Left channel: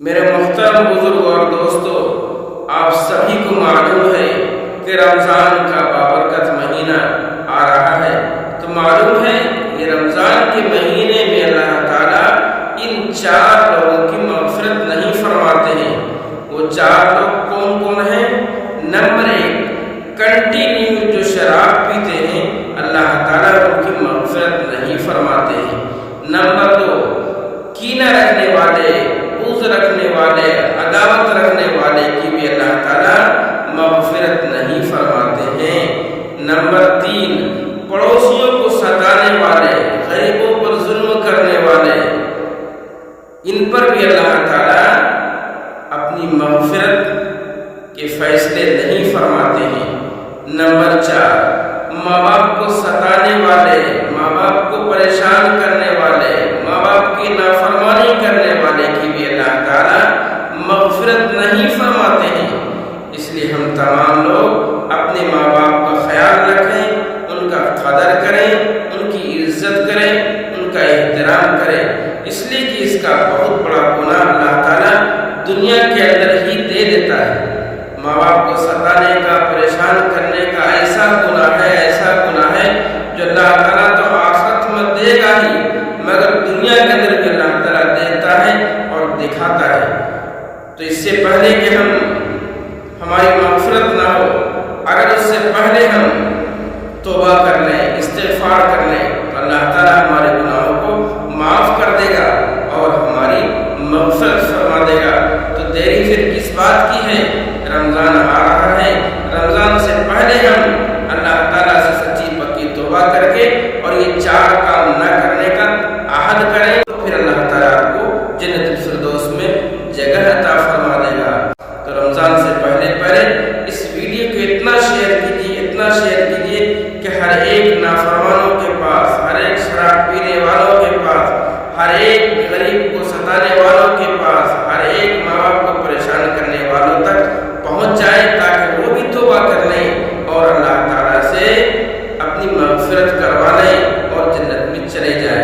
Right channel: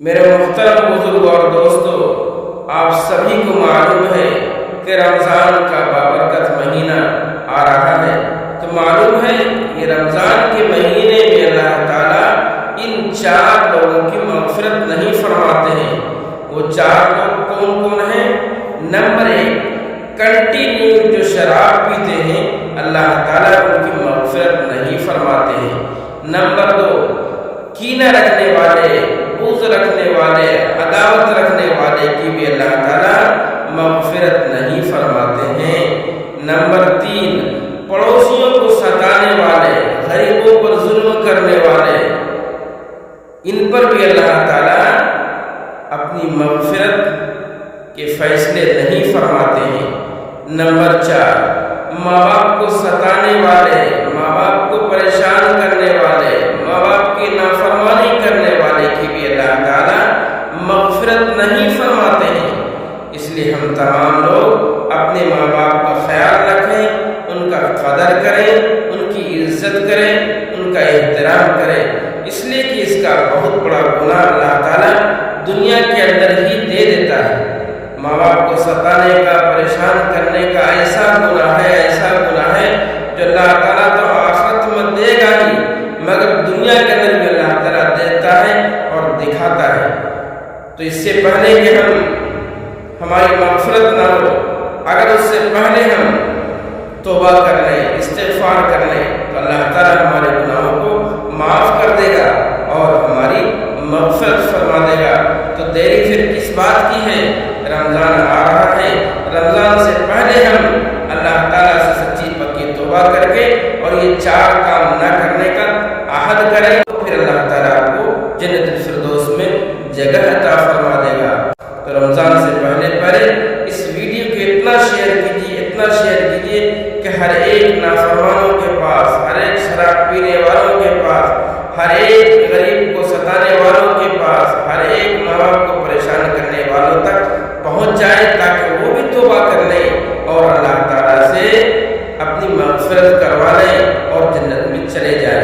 میرے محترم بزرگ اور دوستو، آپ سبھی کو معلوم ہے کہ رمضان کا بابرکت مہینہ آ رہا ہے۔ تو معلوم ہے یہ رمضان کے مہینے میں اللہ تعالیٰ ان 4 لوگوں کی مغفرت نہیں فرماتے ہیں۔ وہ 4 لوگ کون کون ہیں؟ نمبر 1، کنٹینیو جو شراب پیتے ہیں اللہ تعالیٰ ان کی مغفرت نہیں فرماتے ہیں۔ نمبر 2، کینہ رکھنے والے، بغض رکھنے والے، عداوت رکھنے والے کی بھی اللہ تعالیٰ مغفرت نہیں فرماتے ہیں۔ نمبر 3، پڑوسیوں کو ستانے والے، غریبوں پر ظلم کرنے والے، ان پر بھی اللہ تعالیٰ اپنی مغفرت کے فیصلے نہیں فرماتے ہیں۔ نمبر 4، ماں باپ کو ستانے والے، ماں باپ کو پریشان کرنے والے، ماں باپ کی نافرمانی کرنے والے کی بھی اللہ تعالیٰ مغفرت نہیں فرماتے ہیں۔ اس لیے ہم تمام لوگ اپنے ماں باپ کا خیال رکھیں، ان کا قدر کریں، ان کی عزت کریں، ان کا احترام کریں، اس لیے کہ اس کا بہت بڑا گناہ اللہ تعالیٰ دنیا کے اندر ہی دے دیتا ہے۔ ماں باپ کو ستانے کا، پریشان کرنے کا ایسا گناہ ہے جو اللہ تعالیٰ تو آخرت میں دے گا ہی، مگر دنیا کے اندر بھی اللہ تعالیٰ دیتا ہے اور دکھاتا ہے۔ تو اس سے پہلے کہ ہماری مغفرت نہ ہو، اگر اس سے پہلے ہم توبہ کر لیں، استغفار کر لیں، تو اللہ تعالیٰ ہمارے گناہوں کو معاف کر دے گا اور ہماری مغفرت فرما دے گا۔ تو دیری پھر کس بات کی ہے؟ رمضان آ رہا ہے، رمضان سے پہلے ہم اللہ تعالیٰ سے سچی پکی توبہ کر کے اور یہ 4 کام نہ کرنے کا عہد کریں، تو پھر اللہ تعالیٰ آپ کو جنت الفردوس میں جگہ عطا فرما دے گا۔ تو رمضان سے پہلے اس ویڈیو کو اتنا شیئر کیجیے کہ ہر ایک نافرمانوں کے پاس، ہر ایک شراب پینے والوں کے پاس، ہر ایک غریب کو ستانے والوں کے پاس، ہر ایک ماں باپ کو پریشان کرنے والوں تک پہنچ جائے، تاکہ وہ بھی توبہ کر لیں اور اللہ تعالیٰ سے اپنی مغفرت کروا لیں اور جنت میں چلے جائیں۔